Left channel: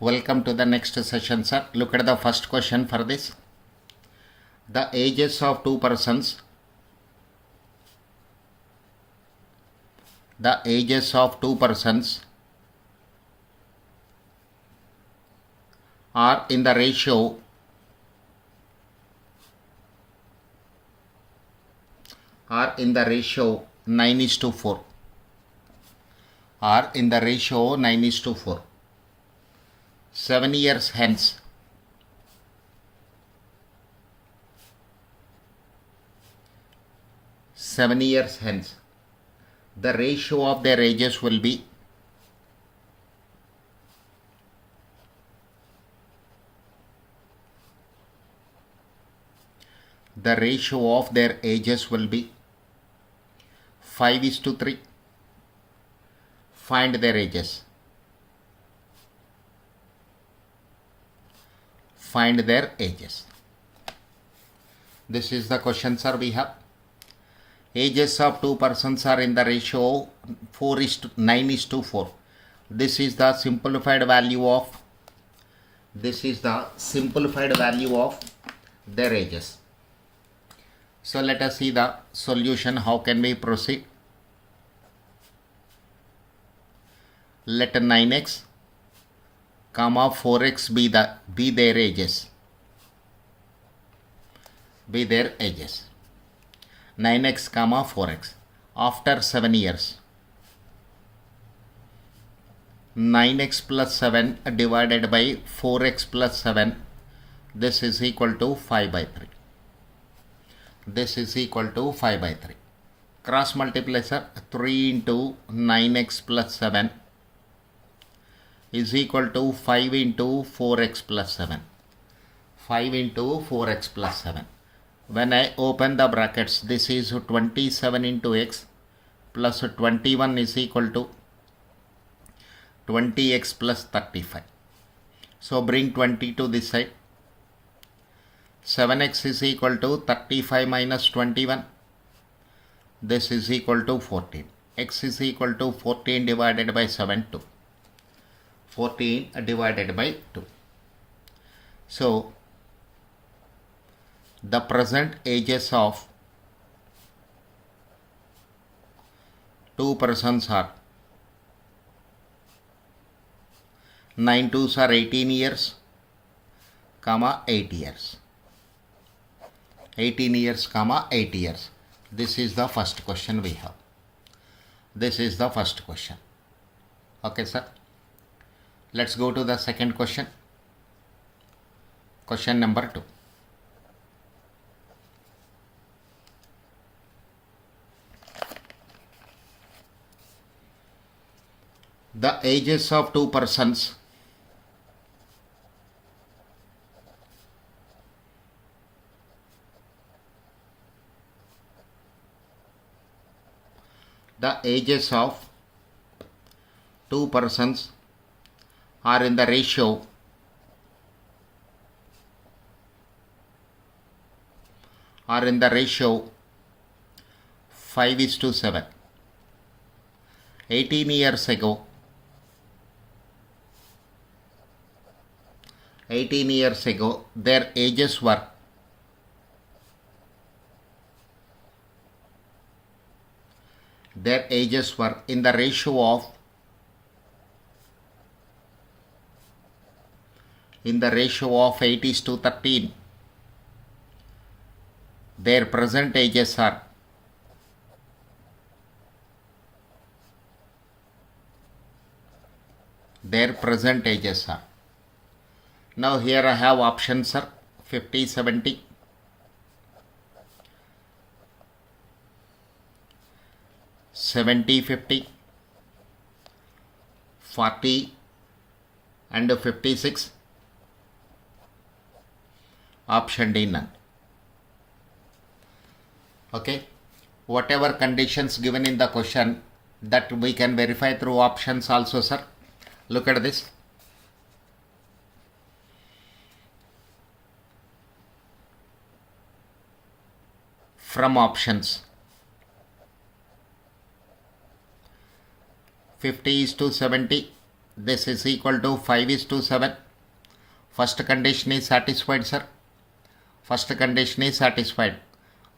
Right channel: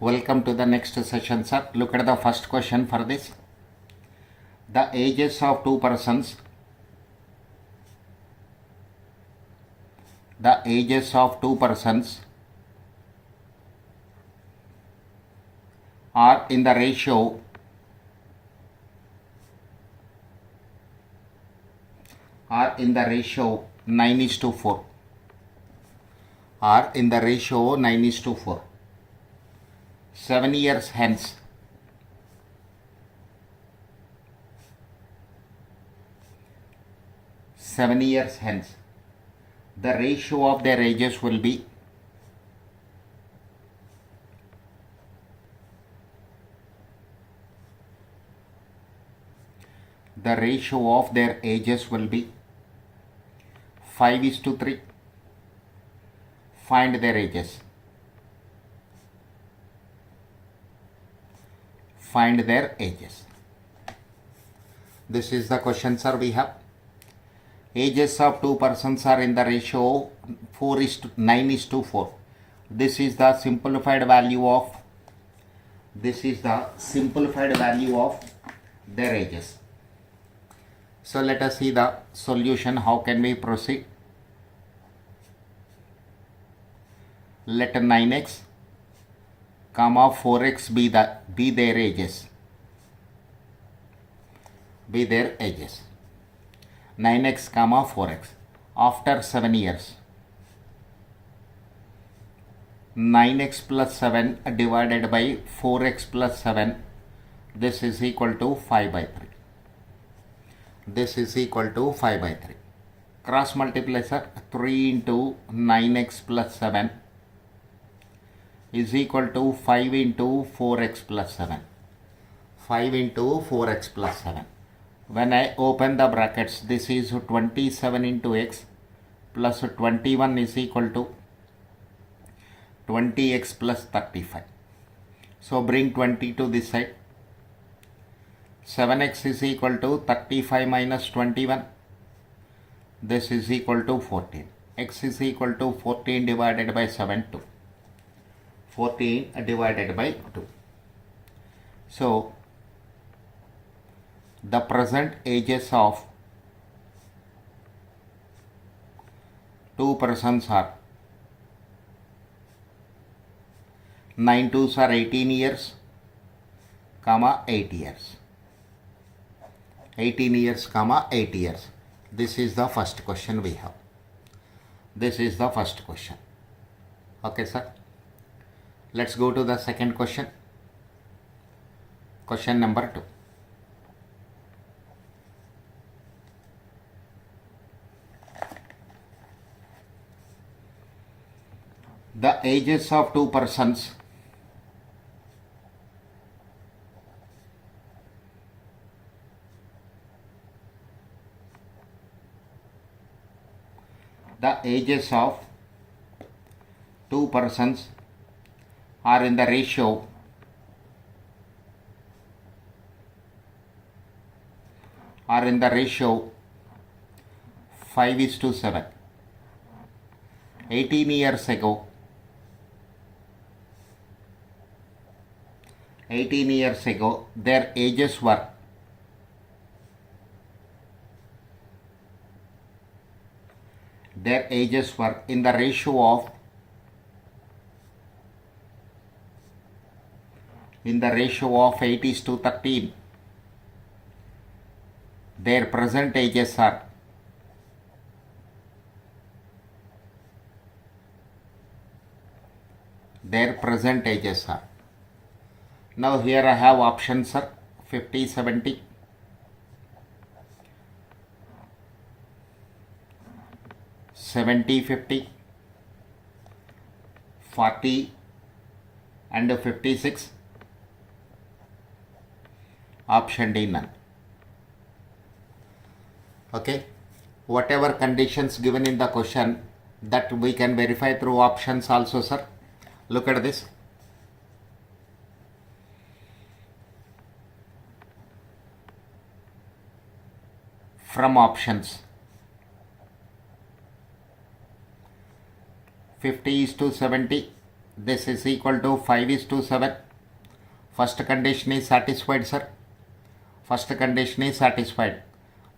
Welcome to the next session, sir. Look at the first question for this. The ages of two persons. The ages of two persons are in the ratio 9:4. Are in the ratio 9:4. 7 years hence, the ratio of their ages will be the ratio of their ages will be 5:3. Find their ages. Find their ages. This is the question, sir. We have ages of two persons are in the ratio 9:4. This is the simplified value of their ages. So let us see the solution. How can we proceed? Let 9x, 4x be their ages. 9x, 4x. After 7 years, 9x plus 7 divided by 4x plus 7. This is equal to 5/3. Cross multiply, sir. 3 into 9x plus 7 is equal to 5 into 4x plus 7. When I open the brackets, this is 27 into x plus 21 is equal to 20x plus 35. So bring 20 to this side. 7x is equal to 35 minus 21. This is equal to 14. X is equal to 14 divided by 7, 2. 14 divided by 2. So the present ages of two persons are 9 2s are 18 years, 8 years. 18 years, 8 years. This is the first question we have. Okay, sir. Let's go to the second question. Question number 2. The ages of two persons are in the ratio 5:7. 18 years ago, their ages were in the ratio of 8:13. Their present ages are now here I have options, sir. 50-70, 70-50, 40 and 56. Option D, none. Okay, whatever conditions given in the question, that we can verify through options also, sir. Look at this. From options, 50:70 This is equal to 5:7. First condition is satisfied, sir. First condition is satisfied.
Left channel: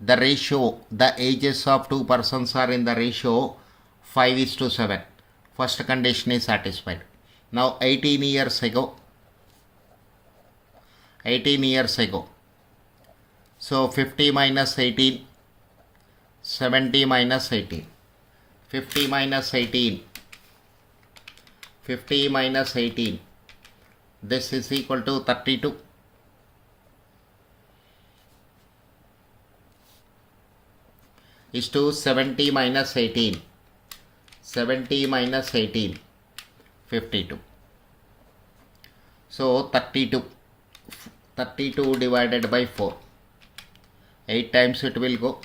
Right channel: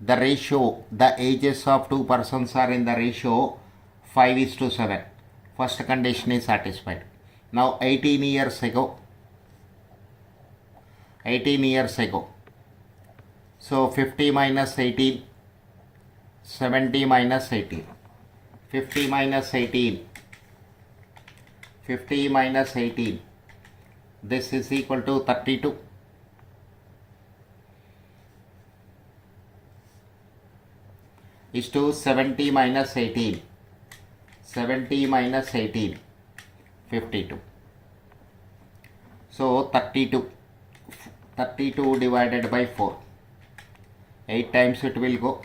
The ratio, the ages of two persons are in the ratio 5:7. First condition is satisfied. Now 18 years ago, so 50 minus 18, 70 minus 18, 50 minus 18, 50 minus 18, this is equal to 32. Is to 70 minus 18, 70 minus 18, 52. So 32 divided by 4, 8 times it will go.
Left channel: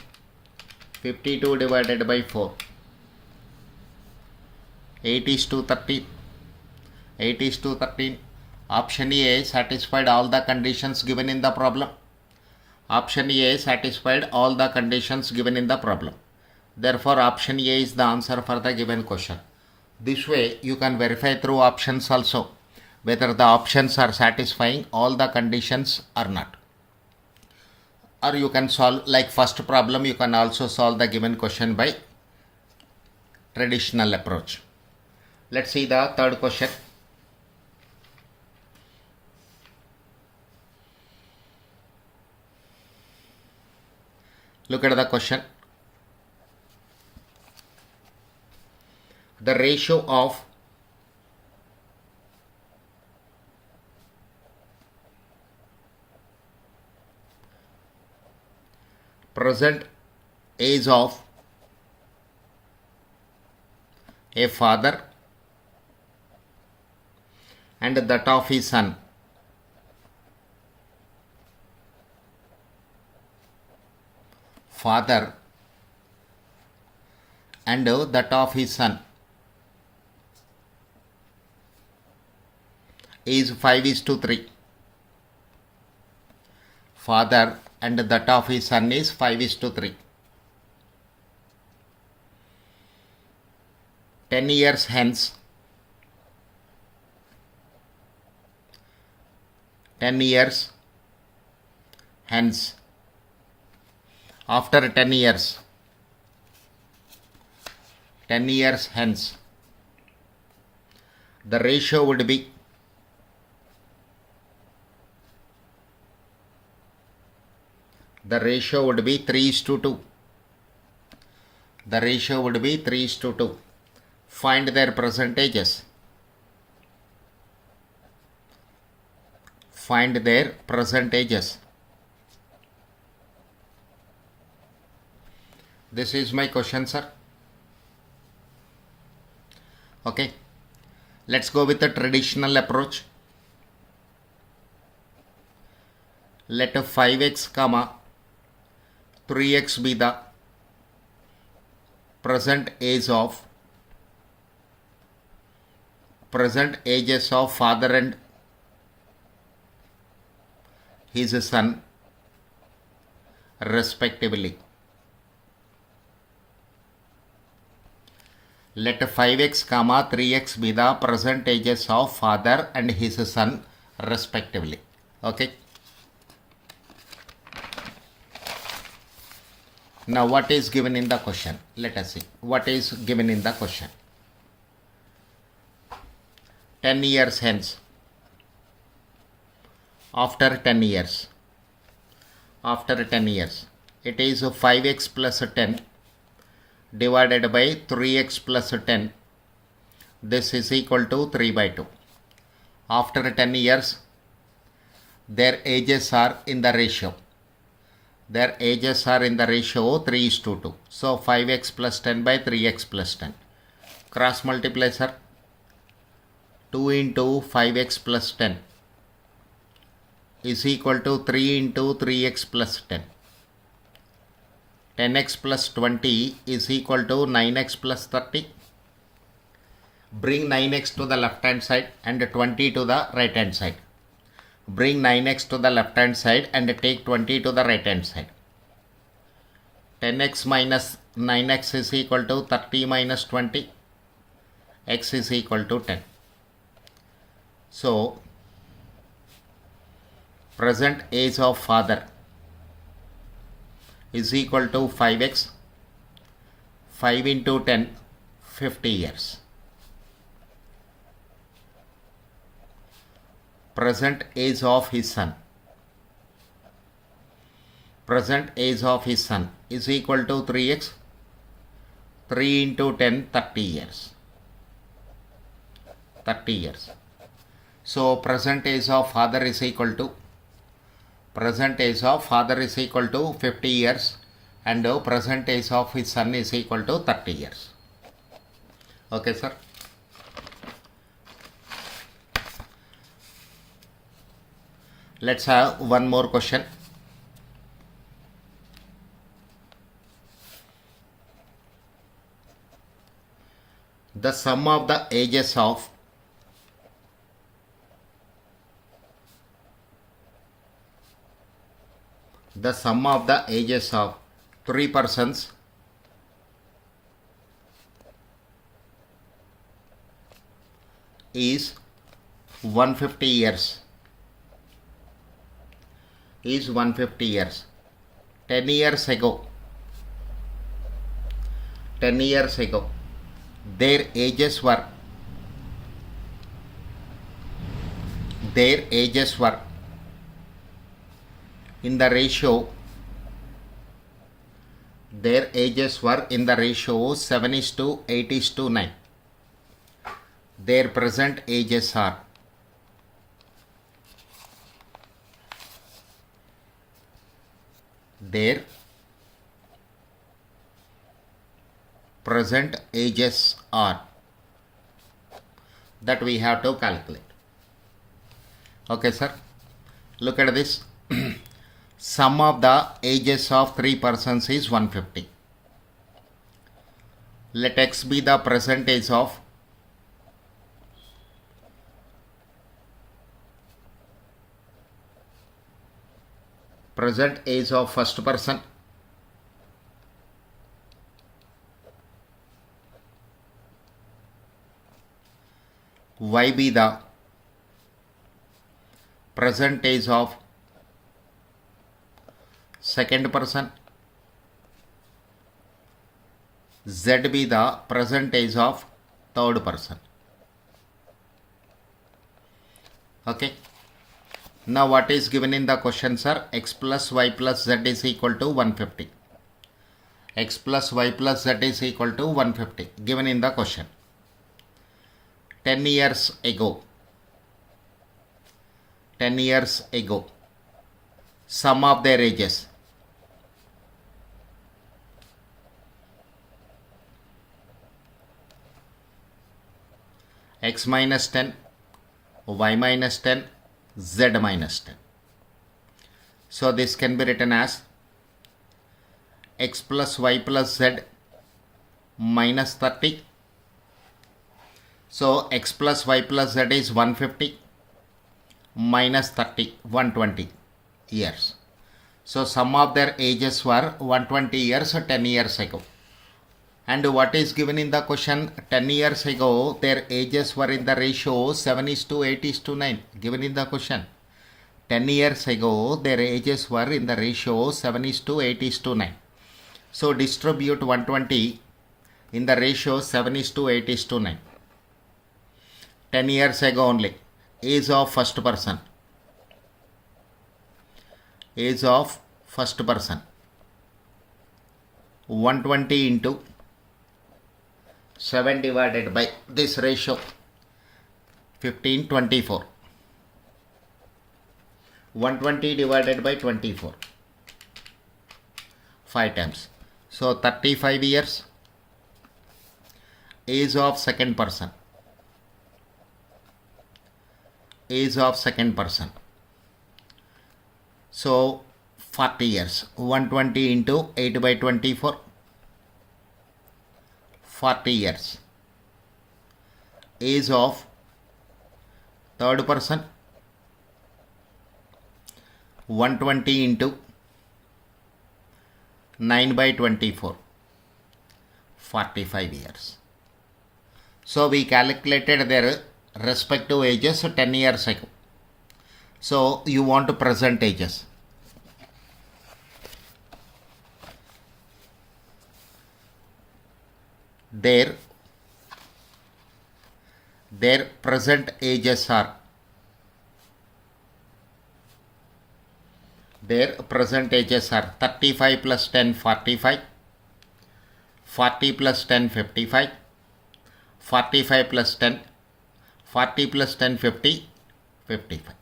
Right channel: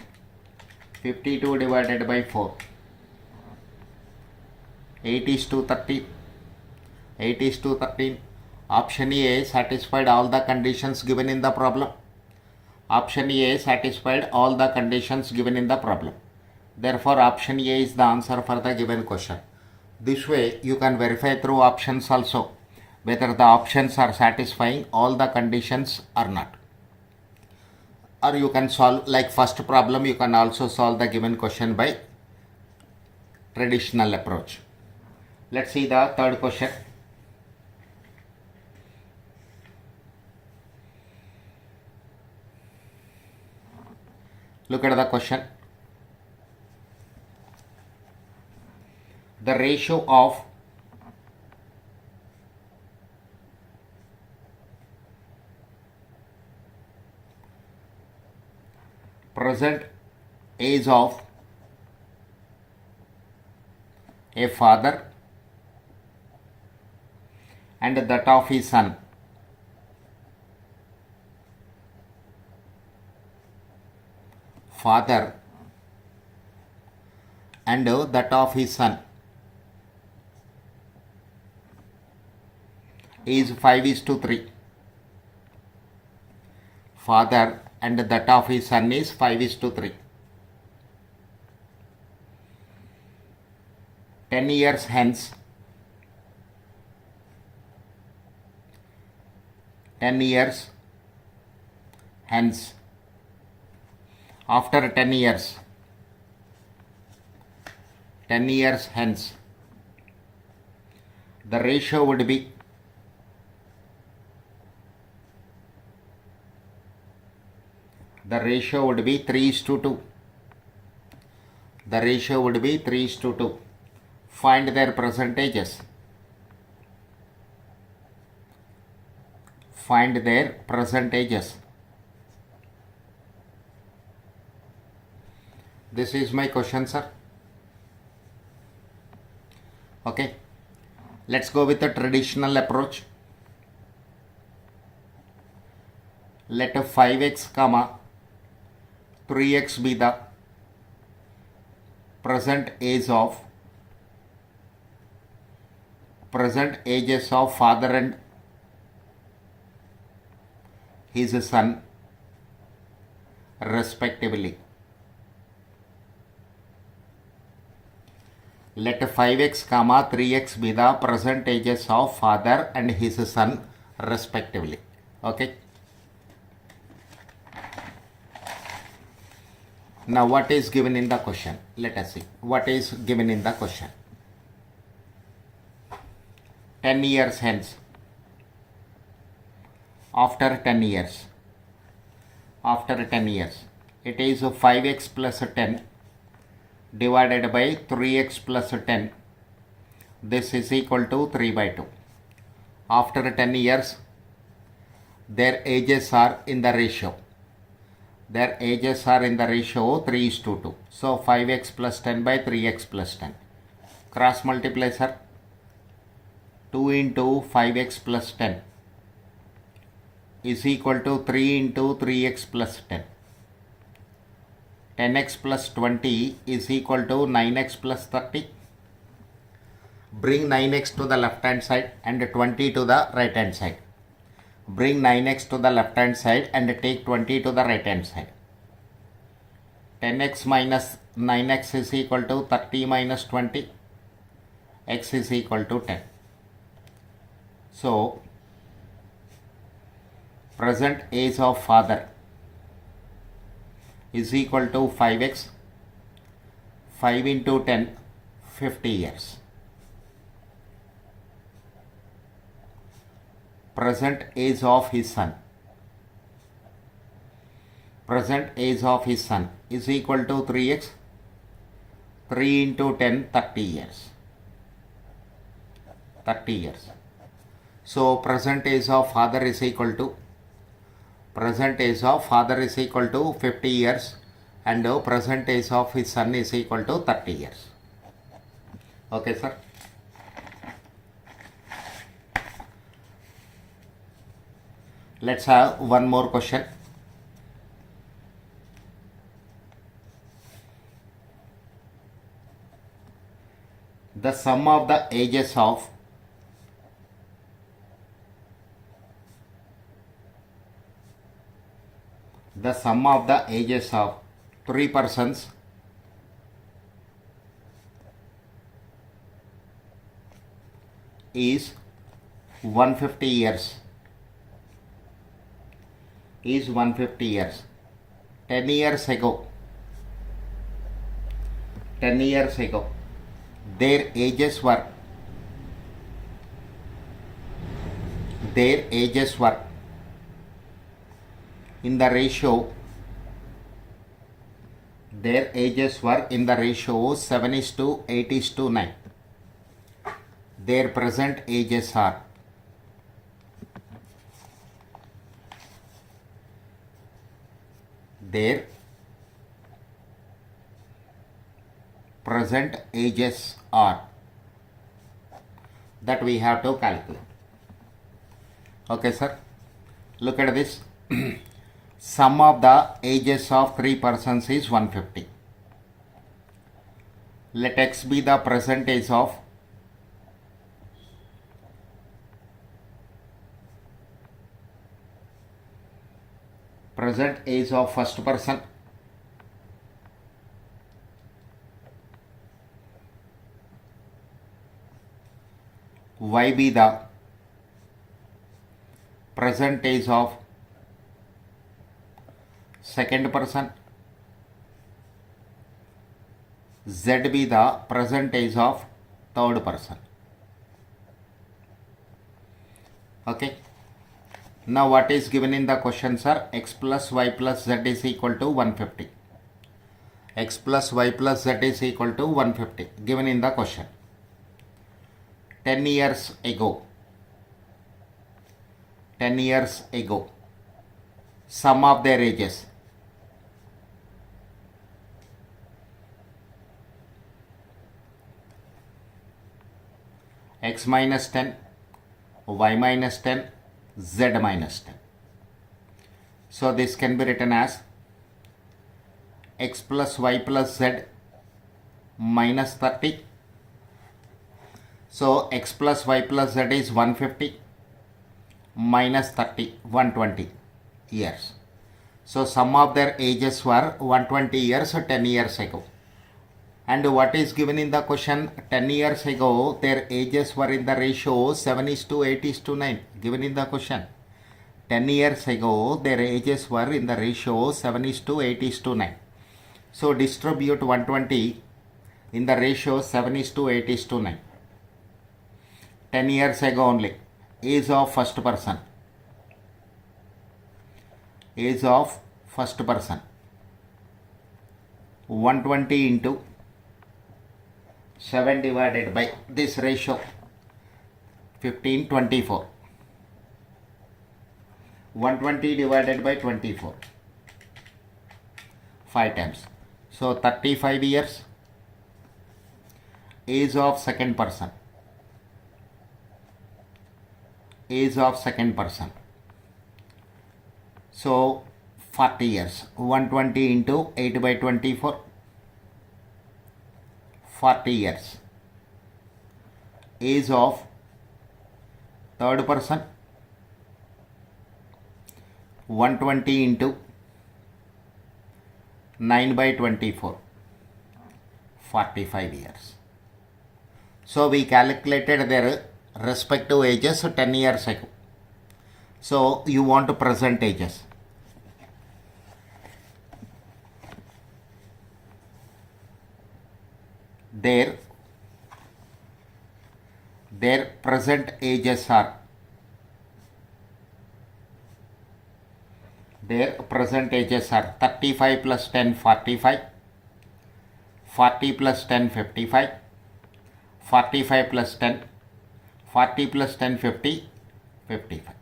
52 divided by 4, 8 is to 13, 8 is to 13. Option A satisfied all the conditions given in the problem. Option A satisfied all the conditions given in the problem. Therefore, option A is the answer for the given question. This way, you can verify through options also whether the options are satisfying all the conditions or not. Or you can solve, like first problem, you can also solve the given question by traditional approach. Let's see the third question. Look at the question. The ratio of present age of a father and that of his son father and that of his son is 5:3. Father and that of his son is 5:3. 10 years hence, 10 years hence, after 10 years, 10 years hence, the ratio would be the ratio would be 3:2. The ratio would be 3:2. Find their percentages. Find their percentages. This is my question, sir. Okay. Let's go with the traditional approach. Let 5x comma 3x be the present ages of father and his son respectively. Let 5x comma 3x be the present ages of father and his son respectively. Okay. Now what is given in the question? Let us see what is given in the question. 10 years hence, after 10 years, it is 5x plus 10 divided by 3x plus 10. This is equal to 3/2. After 10 years, their ages are in the ratio. Their ages are in the ratio 3:2. So 5x plus 10 by 3x plus 10. Cross multiply, sir. 2 into 5x plus 10 is equal to 3 into 3x plus 10. 10x plus 20 is equal to 9x plus 30. Bring 9x to the left hand side and 20 to the right hand side. Bring 9x to the left hand side and take 20 to the right hand side. 10x minus 9x is equal to 30 minus 20. X is equal to 10. So present age of father is equal to 5x. 5 into 10, 50 years. Present age of his son. Present age of his son is equal to 3x. 3 into 10, 30 years. 30 years. So present age of father is equal to 50 years, and the present age of his son is equal to 30 years. Okay, sir. Let's have one more question. The sum of the ages of three persons is 150 years. 10 years ago, their ages were in the ratio 7:8:9. Their present ages are that we have to calculate. Okay, sir. Look at this. Sum of the ages of three persons is 150. Let x be the present age of first person. Y be the present age of second person. Z be the present age of third person. Okay. Now what is given in the question, sir? X plus y plus z is equal to 150. X plus y plus z is equal to 150 given in the question. 10 years ago, sum of their ages. X minus 10, y minus 10, z minus 10. So this can be written as x plus y plus z minus 30. So x plus y plus z is 150 minus 30, 120 years. So sum of their ages were 120 years 10 years ago. And what is given in the question? 10 years ago, their ages were in the ratio 7:8:9. Given in the question. 10 years ago, their ages were in the ratio 7:8:9. So distribute 120 in the ratio 7:8:9. 10 years ago only. Age of first person. 120 into 7 divided by this ratio 15:24. 120 divided by 24. 5 times. So 35 years. Age of second person. So 40 years. 120 into 8 by 24. 40 years. Age of third person. 120 into 9 by 24. 45 years. So we calculated their respective ages 10 years ago. So you want present ages. Their present ages are 35 plus 10 45, 40 plus 10 55, 45 plus 10, 40 plus 10 50, 55.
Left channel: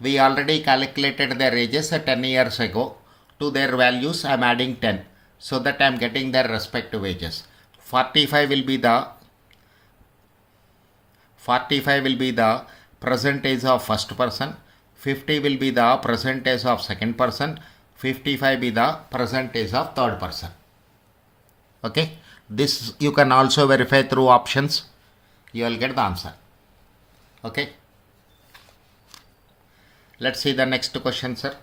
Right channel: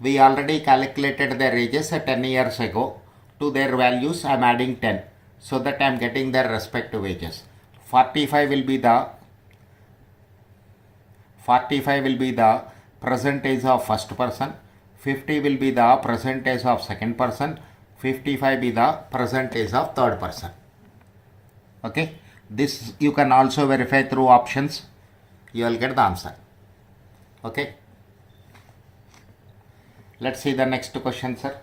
We already calculated their ages 10 years ago. To their values I am adding 10 so that I am getting their respective ages. 45 will be the present age of first person, 50 will be the present age of second person, 55 be the present age of third person. Okay, this you can also verify through options. You will get the answer. Okay, let's see the next question, sir.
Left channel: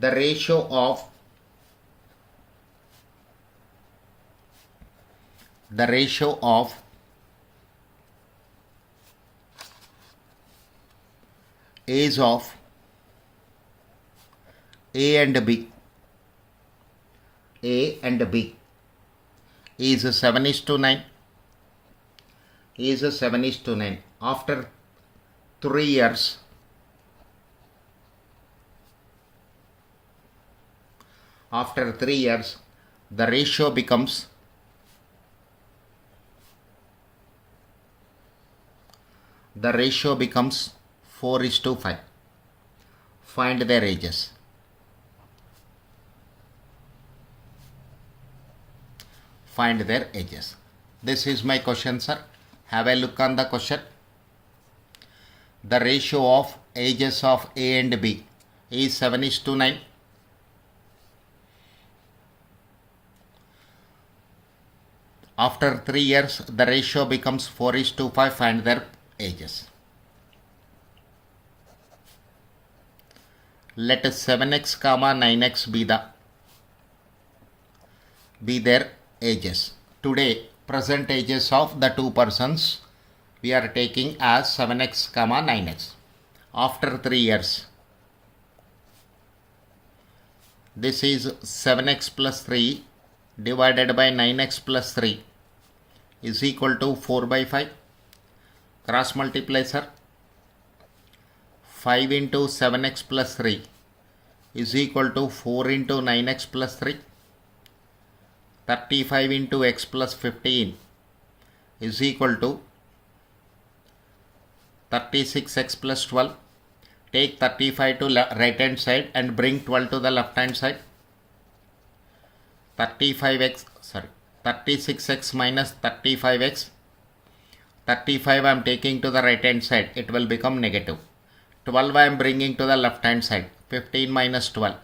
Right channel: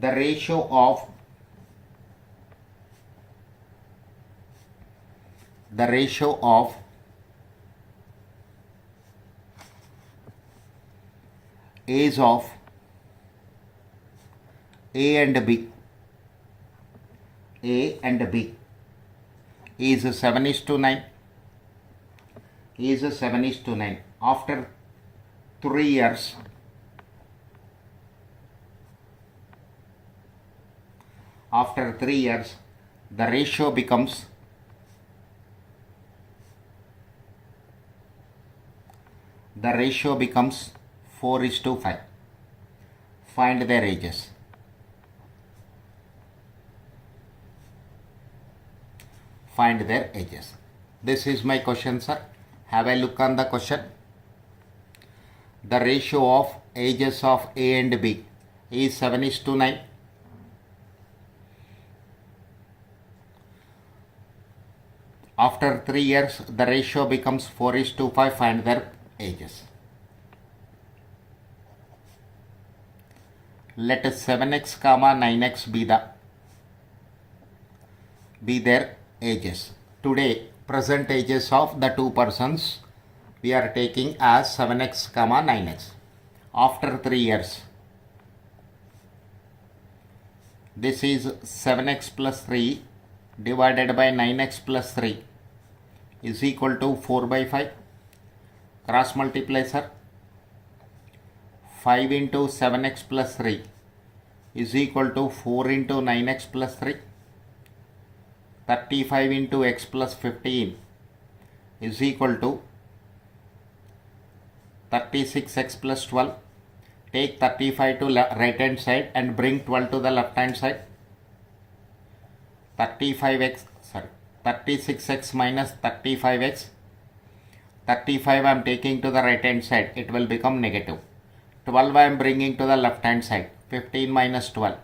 The ratio of age of A and B is 7:9. After 3 years, the ratio becomes 4:5. Find their ages. This is my question, sir. Have a look on the question. The ratio of ages of A and B is 7:9. After 3 years, the ratio becomes 4:5. Find their ages. Let 7x, 9x be their ages. Today, present ages of the two persons we are taking as 7x, 9x. After 3 years, this is 7x plus 3 divided by 9x plus 3 is equal to 4/5. Cross multiply, sir. 5 into 7x plus 3 is equal to 4 into 9x plus 3. 35 into x plus 15 is equal to 36x plus 12. Take 35 to right hand side and bring 12 to the left hand side. 36x minus 35x. 35 I am taking to the right hand side. It will become negative. 12 I am bringing to the left hand side. 15 minus 12.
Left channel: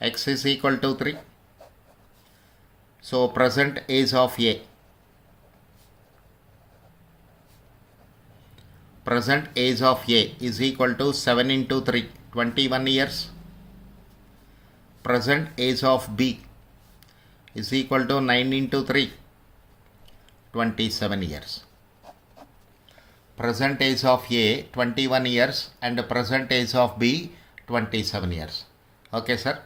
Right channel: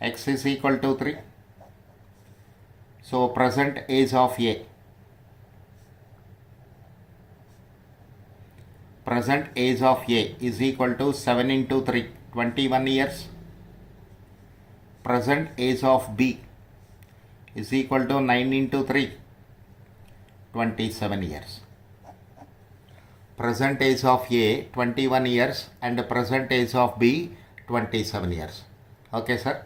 X is equal to 3. So present age of A. Present age of A is equal to 7 into 3, 21 years. Present age of B is equal to 9 into 3, 27 years. Present age of A 21 years and present age of B 27 years. Okay, sir.